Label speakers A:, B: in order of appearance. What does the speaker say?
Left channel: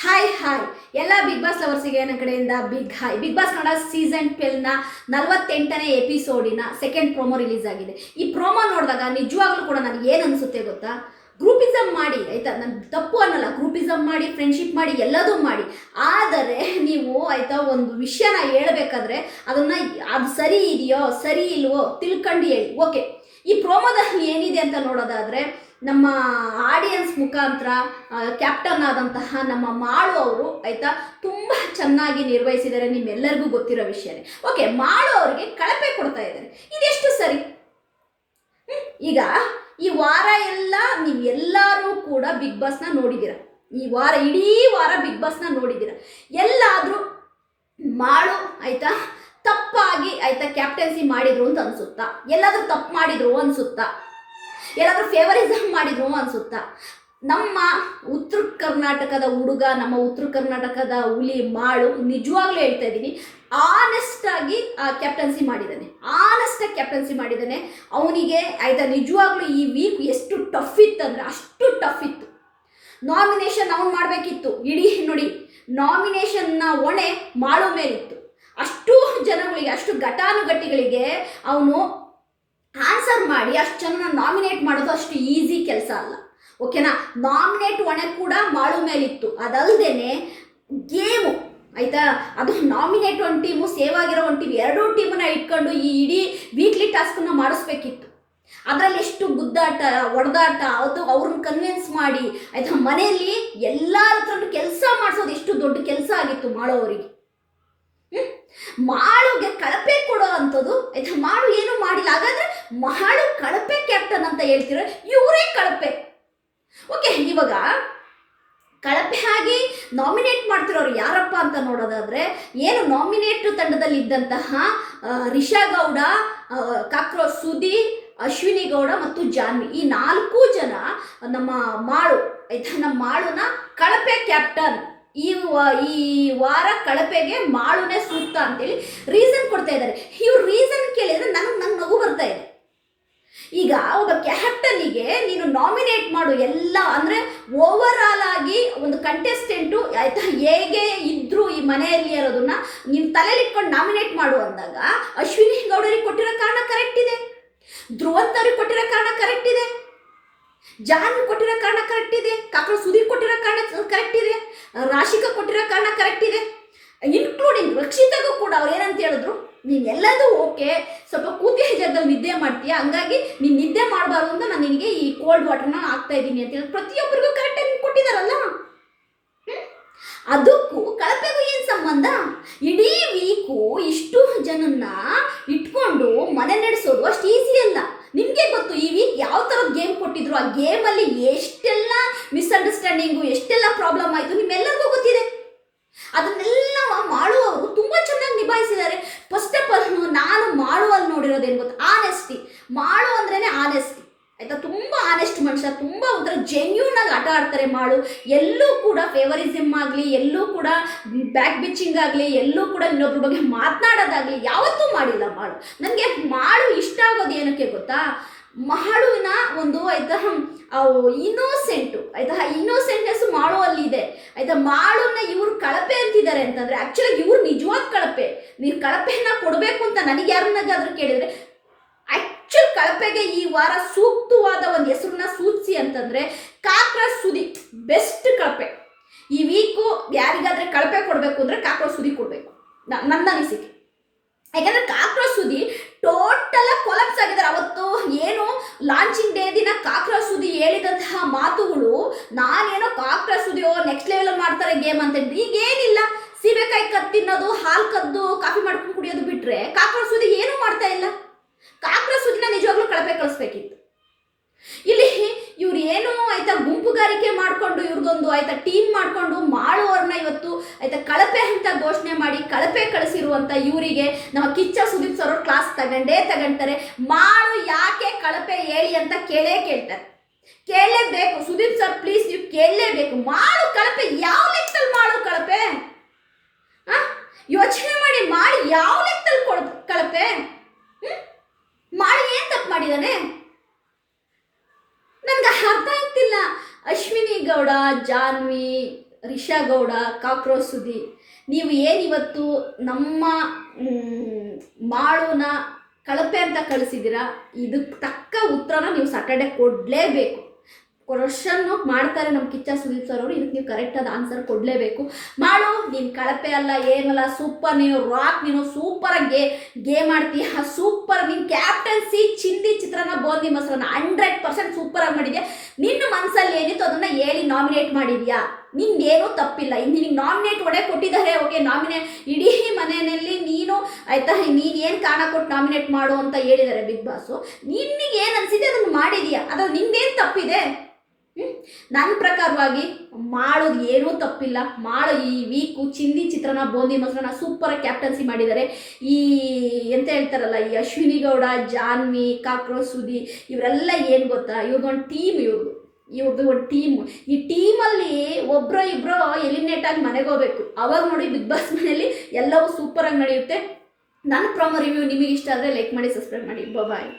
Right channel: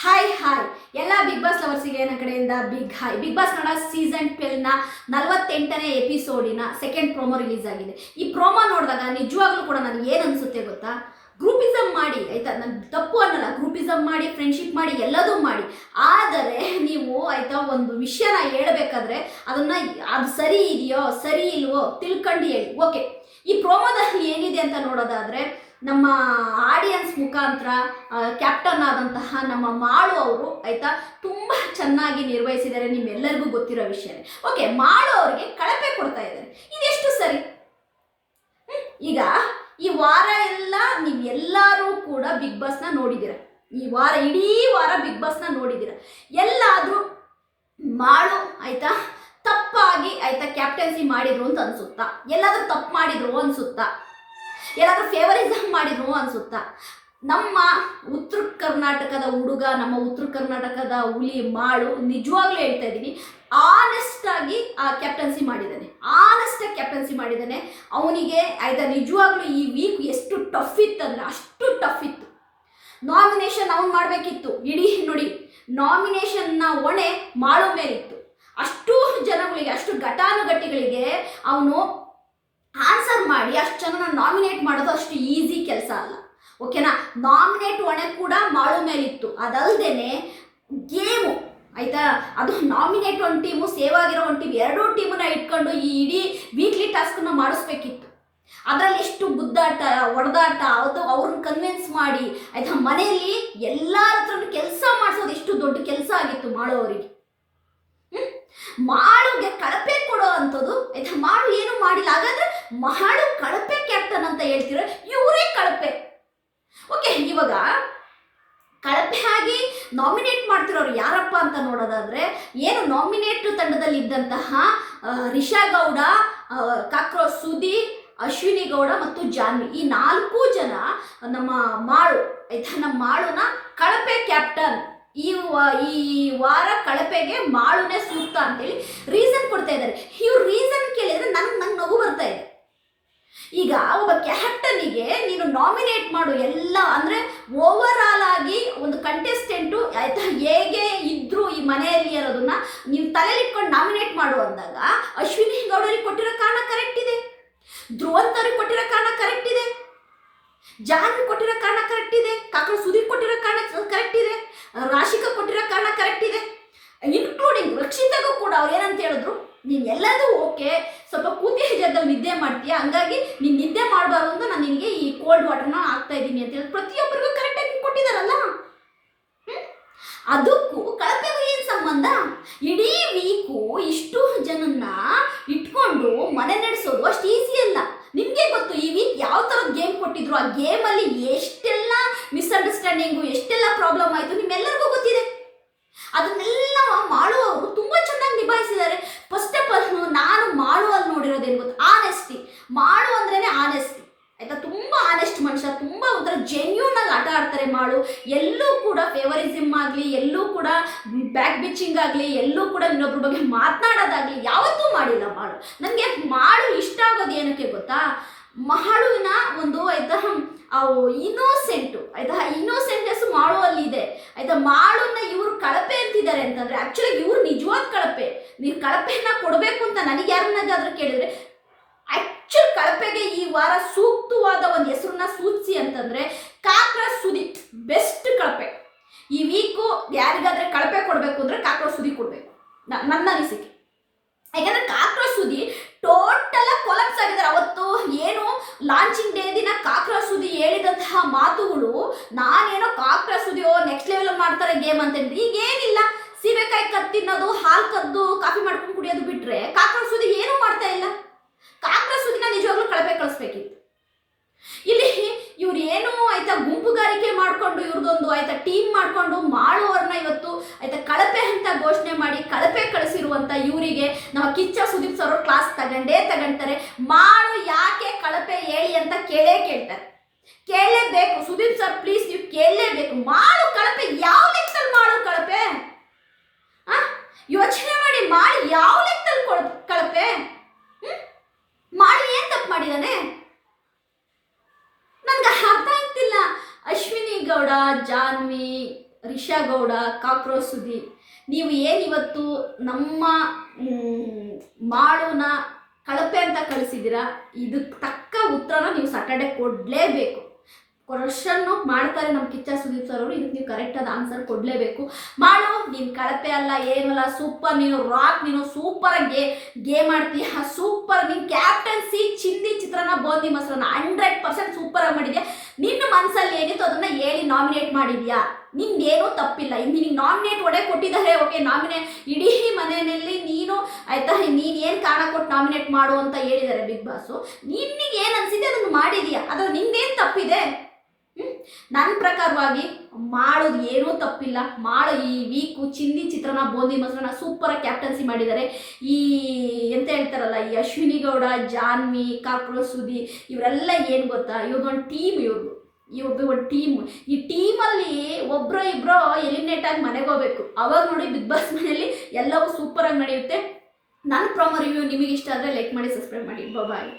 A: Hi hi ಎಲ್ಲ big boss ಲವರ್ಸಿಗೆ ನನ್ನ ಕಡೆಯಿಂದ big hi big boss Kannada season ಟ್ವೆಲ್ನ ನಲವತ್ತೆಂಟನೇ ಎಪಿಸೋಡಿನ ಸೆಕೆಂಡ್ ಪ್ರೋಮೋ ರಿಲೀಸ್ ಆಗಿದೆ. ಈ ಪ್ರೋಮೋ ನೋಡಿದಾಗ ನಿಜವಾಗ್ಲೂ ಕೂಡ ನನಗೆ ಏನು ಅನಿಸುತ್ತೆ ಗೊತ್ತಾ? ಗ್ರೂಪಿಸಮ್ ಮಾಡಿ, ಆಯ್ತಾ? ನಾನು ತಪ್ಪು ಅನ್ನಲ್ಲ. ಗ್ರೂಪಿಸಮ್ ಮಾಡಿ ಫ್ರೆಂಡ್ಶಿಪ್ ಮಾಡಿ, ಎಲ್ಲದೂ ಮಾಡಿ. ಆದರೆ ನೀವು, ಆಯಿತಾ, ಒಂದು ವಿಷಯನ ಹೇಳಬೇಕಾದ್ರೆ ಅದನ್ನು ಅದು ಸರಿ ಇದೆಯೋ, ಸರಿ ಇಲ್ವೋ ತಿಳ್ಕೊಂಡು ಹೇಳಿ. ಓಕೆ ಈ ಪ್ರೋಮೋದಲ್ಲಿ ಏನಿದೆ ಅಂತ ನೋಡೋದಾದರೆ ನಮ್ಮ ಆಡಿಯನ್ಸ್ ಮುಖಾಂತರ ಕ್ಯಾಪ್ಟನ್ ಆದಂತಹ ನಮ್ಮ ಮಾಳು ಅವರು ಆಯ್ತಾ ತುಂಬ ಚೆನ್ನಾಗಿ ನಿರ್ವಹಿಸಿದ್ದಾರೆ ನಿಮ್ಮೆಲ್ಲರಿಗೂ ಗೊತ್ತಿರೋ ವಿಷಯನೇ. ಓಕೆ ಮಾಳು ಅವರಿಗೆ ಕಳಪೆ ಕೊಡ್ತಾ ಇದ್ದಾರೆ. ಇದೆಷ್ಟು ಸರಿ? ಈಗ ಈ ವಾರ ಎಲ್ಲ ನೀವು ಎಲ್ಲರೂ ಕೂಡ ಬಿಗ್ ಬಾಸ್ನ ನೋಡಿದ್ದೀರ. ಈ ವಾರ, ಇಡೀ ವಾರ ಬಿಗ್ ಬಾಸ್ನ ನೋಡಿದ್ದೀರ. ಎಲ್ಲಾದರೂ ಮಾಳು ಆಯ್ತಾ ತಪ್ಪಾಗಿ ಆಯ್ತಾ ಕ್ಯಾಪ್ಟನ್ಸಿ ಮಾಡಿದ್ರು ಅಂತ ಅನ್ಸುತ್ತಾ? ಎಲ್ಲಾದರೂ ತಪ್ಪು ಮಾಡಿದ್ರು ಅನ್ಸುತ್ತಾ? ಎಲ್ಲಾದ್ರೂ ಫೇವರಿಸಮ್ ಮಾಡಿದ್ರು ಅನ್ಸುತ್ತಾ. ನಮ್ಮ ಉತ್ತರ ಕರ್ನಾಟಕದ ಹುಡುಗ, ನಮ್ಮ ಉತ್ತರ ಕರ್ನಾಟಕದ ಹುಲಿ, ಮಾಳು ನಿಜವಾಗ್ಲೂ ಹೇಳ್ತಾ ಇದ್ದೀನಿ ಆನೆಸ್ಟಾಗಿ ಕ್ಯಾಪ್ಟನ್ಸಿ ಮಾಡಿದ್ದಾನೆ. ಆನೆಸ್ಟ್ ಆಗಿ ಕ್ಯಾಪ್ಟನ್ಸಿ ಮಾಡಿದ್ದಾನೆ. ಅವನಿಗೆ ಆಯ್ತಾ ನಿಜವಾಗ್ಲೂ ಈ ವೀಕ್ ಎಷ್ಟು ಟಫ್ ಇತ್ತಂದ್ರೆ ಅಷ್ಟು ಟಫ್ ಇತ್ತು. ನಾಮಿನೇಷನ್ ಅವನು ಮಾಡಬೇಕಿತ್ತು. ಇಡೀ ನೋಡಿ ನಾಮಿನೇಷನ್ನ ಹೊಣೆ ಮಾಳು ಮೇಲಿತ್ತು. ಅಷ್ಟು ಜನಗಳಿಗೆ, ಅಷ್ಟು ಘಟಾನುಘಟಿಗಳಿಗೆ ಅವನು ಮಾಡಿ ಅಷ್ಟು ಜನನ ನಾಮಿನೇಟ್ ಮಾಡೋದು ಅಷ್ಟು ಈಸಿ ಕೆಲಸ ಅಲ್ಲ. ಓಕೆನಾ ನಾಮಿನೇಟ್ ಹೊಣೆ ಕೂಡ ಮಾಡು ಮೇಲಿತ್ತು. ಅದಲ್ದೇನೆ ಗೇಮು, ಆಯಿತಾ? ಅದು ನಾಮಿನೇಟ್ ಒಂದು ಟೀಮು ಸೇವ್ ಆಗಿರೋ ಒಂದು ಟೀಮ್ ಎರಡೂ ಟೀಮನ್ನ ಇಟ್ಕೊಂಡು ಈ ಇಡೀ ವೀಕ್ಲಿ ಟಾಸ್ಕನ್ನು ಮಾಡಿಸ್ಬೇಕಿತ್ತು. ಅದರಲ್ಲಿ ಎಷ್ಟು ಗುದ್ದಾಟ, ಒಡೆದಾಟ, ಅದು ಅವ್ರನ್ನ ಕನ್ವಿನ್ಸ್ ಮಾಡಿ, ಆಯಿತಾ? ಮನೆಯಲ್ಲಿ ಎಲ್ಲರ ಹತ್ರನೂ ಕೆಲಸ ಮಾಡಿಸೋದು ಎಷ್ಟು ದೊಡ್ಡ ಕೆಲಸ ಆಗಿತ್ತು ಮಾಡೋವರಿಗೆ? ಮಾಳುಗೆ ಕಳಪೆ ಕೊಡೋ ಅಂಥದ್ದು ಆಯ್ತಾ ಮಾಳು ಏನು ಮಾಡಿಲ್ಲ. ಹಾಗಾದ್ರೆ ಮಾಳು ಕಳಪೆ ಕ್ಯಾಪ್ಟನ್ ಅಂತ ಹೇಳ್ತಿರೋ, ಇವರೇ ಕಳಪೆ. ಓಕೆ ಇವಾಗ ಕಳಪೆ ಆಗಿ ನಾಮಿನೇಟ್ ಮಾಡ್ತಿರೋರು ಯಾರಪ್ಪ ಅಂತ ನೋಡೋದಾದ್ರೆ, ಏನು ನಾಮಿನೇಟ್ ತಂಡದಲ್ಲಿ ಇದ್ದಂತಹ ರಿಷಾ ಗೌಡ ಕಾಕ್ರೋ ಸುದಿ, ಅಶ್ವಿನಿ ಗೌಡ ಮತ್ತು ಜಾನ್ವಿ. ಈ ನಾಲ್ಕು ಜನ ನಮ್ಮ ಮಾಳು ಆಯ್ತಾ ನಮ್ಮ ಮಾಳುನ ಕಳಪೆ ಕ್ಯಾಪ್ಟನ್. ಈ ಈ ವಾರ ಕಳಪೆಗೆ ಮಾಳುನೇ ಸೂಕ್ತ ಅಂತೇಳಿ ರೀಸನ್ ಕೊಡ್ತಾ ಇದ್ದಾರೆ. ಇವ್ರು ರೀಸನ್ ಕೇಳಿದ್ರೆ ನನಗೆ ನಂಗೆ ನಗು ಬರ್ತಾ ಇದೆ. ಈಗ ಒಬ್ಬ ಕ್ಯಾಪ್ಟನಿಗೆ ನೀನು ನಾಮಿನೇಟ್ ಮಾಡು ಎಲ್ಲ, ಅಂದರೆ ಓವರ್ ಆಗಿ ಒಂದು ಕಂಟೆಸ್ಟೆಂಟು ಆಯ್ತಾ, ಹೇಗೆ ಇದ್ರು ಈ ಮನೆಯಲ್ಲಿ ಇರೋದನ್ನ ನೀವು ತಲೆಯಲ್ಲಿ ಇಟ್ಕೊಂಡು ನಾಮಿನೇಟ್ ಮಾಡು ಅಂದಾಗ ಅಶ್ವಿನಿ ಗೌಡರಿಗೆ ಕೊಟ್ಟಿರೋ ಕಾರಣ ಕರೆಕ್ಟ್ ಇದೆ. ಧ್ರುವಂತ್ ಅವ್ರಿಗೆ ಕೊಟ್ಟಿರೋ ಕಾರಣ ಕರೆಕ್ಟ್ ಇದೆ. ಜಾನ್ ಕೊಟ್ಟಿರೋ ಕಾರಣ ಕರೆಕ್ಟ್ ಇದೆ. ಕಾಕಳು ಸುದೀಪ್ ಕೊಟ್ಟಿರೋ ಕಾರಣ ಕರೆಕ್ಟ್ ಇದೆ. ರಾಶಿಕಾ ಕೊಟ್ಟಿರೋ ಕಾರಣ ಕರೆಕ್ಟ್ ಇದೆ. ಇನ್ಕ್ಲೂಡಿಂಗ್ ರಕ್ಷಿತಗೂ ಕೂಡ ಅವ್ರು ಏನಂತ ಹೇಳಿದ್ರು, ನೀನು ಎಲ್ಲದೂ ಓಕೆ ಸ್ವಲ್ಪ ಕೂತಿಯ ಜಾಗದಲ್ಲಿ ನಿದ್ದೆ ಮಾಡ್ತೀಯ, ಹಂಗಾಗಿ ನೀನು ನಿದ್ದೆ ಮಾಡಬಾರ್ದು ಅಂತ ನಾನು ನಿನಗೆ ಈ ಕೋಲ್ಡ್ ವಾಟರ್ನ ಹಾಕ್ತಾ ಇದ್ದೀನಿ ಅಂತ ಹೇಳಿ ಪ್ರತಿಯೊಬ್ಬರಿಗೂ ಕರೆಕ್ಟಾಗಿ ಕೊಟ್ಟಿದ್ದಾರಲ್ಲ ಅದಕ್ಕೂ ಕಳಪೆಗೂ ಏನು ಸಂಬಂಧ? ಇಡೀ ವೀಕು ಇಷ್ಟು ಜನನ್ನ ಇಟ್ಕೊಂಡು ಮನೆ ನಡೆಸೋದು ಅಷ್ಟು ಈಸಿ ಗೊತ್ತು ಈ ವೀಕ್ ಯಾವ ಥರದ ಗೇಮ್ ಕೊಟ್ಟಿದ್ರು, ಆ ಗೇಮಲ್ಲಿ ಎಷ್ಟೆಲ್ಲ ಮಿಸ್ಅಂಡರ್ಸ್ಟ್ಯಾಂಡಿಂಗು ಎಷ್ಟೆಲ್ಲ ಪ್ರಾಬ್ಲಮ್ ಆಯಿತು ನಿಮ್ಮೆಲ್ಲರಿಗೂ ಗೊತ್ತಿದೆ. ಅದನ್ನೆಲ್ಲ ಮಾಡುವವರು ತುಂಬ ಚೆನ್ನಾಗಿ ನಿಭಾಯಿಸಿದ್ದಾರೆ. ಫಸ್ಟ್ ಆಫ್ ಆಲ್ ನಾನು ಮಾಡುವಲ್ಲಿ ನೋಡಿರೋದೇನು ಗೊತ್ತು? ಆನೆಸ್ಟಿ ಮಾಡು ಅಂದ್ರೇ ಆನೆಸ್ಟಿ ಆಯಿತಾ? ತುಂಬ ಆನೆಸ್ಟ್ ಮನುಷ್ಯ, ತುಂಬ ಒಂಥರ ಜೆನ್ಯೂನ್ ಆಗಿ ಆಟ ಆಡ್ತಾರೆ ಮಾಡು ಎಲ್ಲೂ ಕೂಡ ಫೇವರಿಸಮ್ ಆಗಲಿ, ಎಲ್ಲೂ ಕೂಡ ಬ್ಯಾಕ್ ಬಿಚ್ಚಿಂಗ್ ಆಗಲಿ, ಎಲ್ಲೂ ಕೂಡ ಇನ್ನೊಬ್ರ ಬಗ್ಗೆ ಮಾತನಾಡೋದಾಗಲಿ ಯಾವತ್ತೂ ಮಾಡಿಲ್ಲ ಮಾಡು ನನಗೆ ಮಾಡು ಇಷ್ಟ ಆಗೋದು ಏನಕ್ಕೆ ಗೊತ್ತಾ? ಮಾಳುವಿನ ಒಂದು ಆಯ್ತಾ ಇನ್ನೋಸೆಂಟು ಆಯ್ತಾ ಇನ್ನೋಸೆಂಟ್ನೆಸ್ ಮಾಳುವಲ್ಲಿ ಇದೆ ಆಯ್ತಾ ಮಾಳುನ ಇವರು ಕಳಪೆ ಅಂತಿದ್ದಾರೆ ಅಂತಂದ್ರೆ ಆಕ್ಚುಲಿ ಇವ್ರು ನಿಜವಾದ ಕಳಪೆ. ನೀವು ಕಳಪೆಯನ್ನು ಕೊಡಬೇಕು ಅಂತ ನನಗೆ ಯಾರನ್ನಾದ್ರೂ ಕೇಳಿದ್ರೆ ಆಕ್ಚುಲ್ ಕಳಪೆಗೆ ಈ ವಾರ ಸೂಕ್ತವಾದ ಒಂದು ಹೆಸರನ್ನ ಸೂಚಿಸಿ ಅಂತಂದ್ರೆ, ಕಾಕ್ರ ಸುದಿ ಬೆಸ್ಟ್ ಕಳಪೆ. ಈ ವೀಕು ಯಾರಿಗಾದ್ರೆ ಕಳಪೆ ಕೊಡಬೇಕು ಅಂದ್ರೆ ಕಾಕ್ರ ಸುದಿ ಕೊಡಬೇಕು. ನನ್ನ ಅನಿಸಿಕೆ. ಯಾಕಂದ್ರೆ ಕಾಕ್ರ ಸುದಿ ಟೋಟಲ್ ಕೊಲಪ್ಸ್ ಆಗಿದ್ದಾರೆ. ಅವತ್ತು ಏನು ಲಾಂಚಿಂಗ್ ಡೇ ದಿನ ಕಾಕ್ರಾ ಸುದಿ ಹೇಳಿದಂತಹ ಮಾತುಗಳು, ನಾನೇನೋ ಕಾಕ್ರಾ ಸುದಿಯೋ ನೆಕ್ಸ್ಟ್ ಲೆವೆಲ್ ಮಾಡ್ತಾರೆ ಗೇಮ್ ಅಂತ ಹೇಳಿದ್ರೆ ಈಗ ಏನಿಲ್ಲ ಸೀಬೆಕಾಯಿ ಕದ್ದು ತಿನ್ನೋದು, ಹಾಲು ಕದ್ದು, ಕಾಫಿ ಮಾಡ್ಕೊಂಡು ಕುಡಿಯೋದು ಬಿಟ್ರೆ ಕಾಕ್ರಾ ಸುದಿ ಏನೂ ಮಾಡ್ತಾ ಇಲ್ಲ. ಕಾಕ್ರಾ ಸುದಿನ ನಿಜವಾಗ್ಲೂ ಕಳಪೆ ಕಳಿಸ್ಬೇಕಿತ್ತು. ಆಯ್ತಾ, ಗುಂಪುಗಾರಿಕೆ ಮಾಡಿಕೊಂಡು ಇವ್ರದೊಂದು ಆಯ್ತಾ ಟೀಮ್ ಮಾಡಿಕೊಂಡು ಮಾಡುವವ್ರನ್ನ ಇವತ್ತು, ಆಯ್ತಾ, ಕಳಪೆ ಅಂತ ಘೋಷಣೆ ಮಾಡಿ, ಕಳಪೆ ಕಳಿಸಿರುವಂತ ಇವರಿಗೆ ನಮ್ಮ ಕಿಚ್ಚ ಸುದೀಪ್ ಸರ್ ಕ್ಲಾಸ್ ತಗೊಂಡೇ ತಗೊಂತಾರೆ. ಮಾಡು ಯಾಕೆ ಕಳಪೆ ಹೇಳಿ ಅಂತ ಕೇಳೇ ಕೇಳ್ತಾರೆ. ಕೇಳಲೇಬೇಕು. ಸುದೀಪ್ ಸರ್ ಪ್ಲೀಸ್ ನೀವು ಕೇಳಲೇಬೇಕು. ಮಾಡು ಕಳಪೆ, ಯಾವ ಲೆಕ್ಕದಲ್ಲಿ ಮಾಡು ಕಳಪೆ? ಯೋಚನೆ ಮಾಡಿ ಮಾಡಿ ಯಾವ ಲೆಕ್ಕದಲ್ಲಿ ಕೊಡ ಕಳಪೆ? ಮಾಡಿ ಏನು ತಪ್ಪು ಮಾಡಿದಾನೆ ನನ್ಗೆ ಗೌಡ ಜಾನ್ವಿ ರಿಷಾ ಗೌಡ ಕಾಕ್ರೋಚ್ ಸುದಿ ನೀವು ಏನಿವತ್ತು ನಮ್ಮ ಮಾಳುನ ಕಳಪೆ ಅಂತ ಕಳಿಸಿದ್ದೀರಾ ಇದಕ್ಕೆ ತಕ್ಕ ಉತ್ತರನ ನೀವು ಸಾಟರ್ಡೆ ಕೊಡಲೇಬೇಕು. ಕ್ವಶನ್ನು ಮಾಡ್ತಾರೆ ನಮ್ಮ ಕಿಚ್ಚ ಸುದೀಪ್ ಸರ್ ಅವರು. ಇದಕ್ಕೆ ನೀವು ಕರೆಕ್ಟಾದ ಆನ್ಸರ್ ಕೊಡಲೇಬೇಕು. ಮಾಡು ನೀನು ಕಳಪೆ ಅಲ್ಲ, ಏನಲ್ಲ ಸೂಪರ್ ನೀನು ರಾಕ್ ನೀನು ಸೂಪರಾಗಿ ಗೇ ಗೇಮ್ ಆಡ್ತೀಯ ಸೂಪರ್ ನೀನು ಕ್ಯಾಪ್ಟನ್ಸಿ ಚಿಂದಿ ಚಿತ್ರನ ಬೋಂದಿ ಮೊಸರನ್ನ ಹಂಡ್ರೆಡ್ ಪರ್ಸೆಂಟ್ ಸೂಪರಾಗಿ ಮಾಡಿದ್ಯಾ? ಮನಸ್ಸಲ್ಲಿ ಏನಿತ್ತು ಅದನ್ನು ಹೇಳಿ ನಾಮಿನೇಟ್ ಮಾಡಿದ್ಯಾ? ನಿಂದೇನೂ ತಪ್ಪಿಲ್ಲ. ಇನ್ನು ನಿನಗೆ ನಾಮಿನೇಟ್ ಒಡೆ ಕೊಟ್ಟಿದ್ದಾರೆ ಓಕೆ ನಾಮಿನೇ ಇಡೀ ಮನೆಯಲ್ಲಿ ನೀನು, ಆಯ್ತಾ? ನೀನು ಏನು ಕಾರಣ ಕೊಟ್ಟು ನಾಮಿನೇಟ್ ಮಾಡು ಅಂತ ಹೇಳಿದ್ದಾರೆ ಬಿಗ್ ಬಾಸು. ನಿನ್ನಿಗೆ ಏನು ಅನಿಸಿದೆ ಅದನ್ನು ಮಾಡಿದೀಯಾ? ಅದ್ರ ನಿಂದೇನು ತಪ್ಪಿದೆ? ನನ್ನ ಪ್ರಕಾರವಾಗಿ ಮಾಡೋದು ಏನೂ ತಪ್ಪಿಲ್ಲ. ಮಾಡೋ, ಈ ವೀಕು ಚಿಂದಿ ಚಿತ್ರನ, ಬೋಂದಿ ಮೊಸರನ್ನ ಸೂಪರಾಗಿ ಕ್ಯಾಪ್ಟನ್ಸಿ ಮಾಡಿದ್ದಾರೆ ಈ ಎಂತ ಹೇಳ್ತಾರಲ್ಲ, ಈ ಅಶ್ವಿನಿ ಗೌಡ, ಜಾನ್ವಿ, ಕಾಕ್ರೋಚ್ ಸುದಿ ಇವರೆಲ್ಲ ಏನು ಗೊತ್ತಾ? ಇವ್ರದ್ದೊಂದು ಟೀಮ್ ಇವ್ರದ್ದು ಇವ್ರದ್ದು ಒಂದು ಟೀಮ್ ಈ ಟೀಮಲ್ಲಿ ಒಬ್ಬರೋ ಇಬ್ಬರೋ ಎಲಿಮಿನೇಟ್ ಆಗಿ ಮನೆಗೆ ಹೋಗ್ಬೇಕು. ಅವಾಗ ನೋಡಿ ಬಿಗ್ ಬಾಸ್ ಮನೆಯಲ್ಲಿ ಎಲ್ಲವೂ ಸೂಪರಾಗಿ ನಡೆಯುತ್ತೆ. ನನ್ನ ಪ್ರೊಮೋ ರಿವ್ಯೂ ನಿಮಗೆ ಇಷ್ಟ ಆದರೆ ಲೈಕ್ ಮಾಡಿ ಸಬ್ಸ್ಕ್ರೈಬ್ ಮಾಡಿ. ಬಾಯ್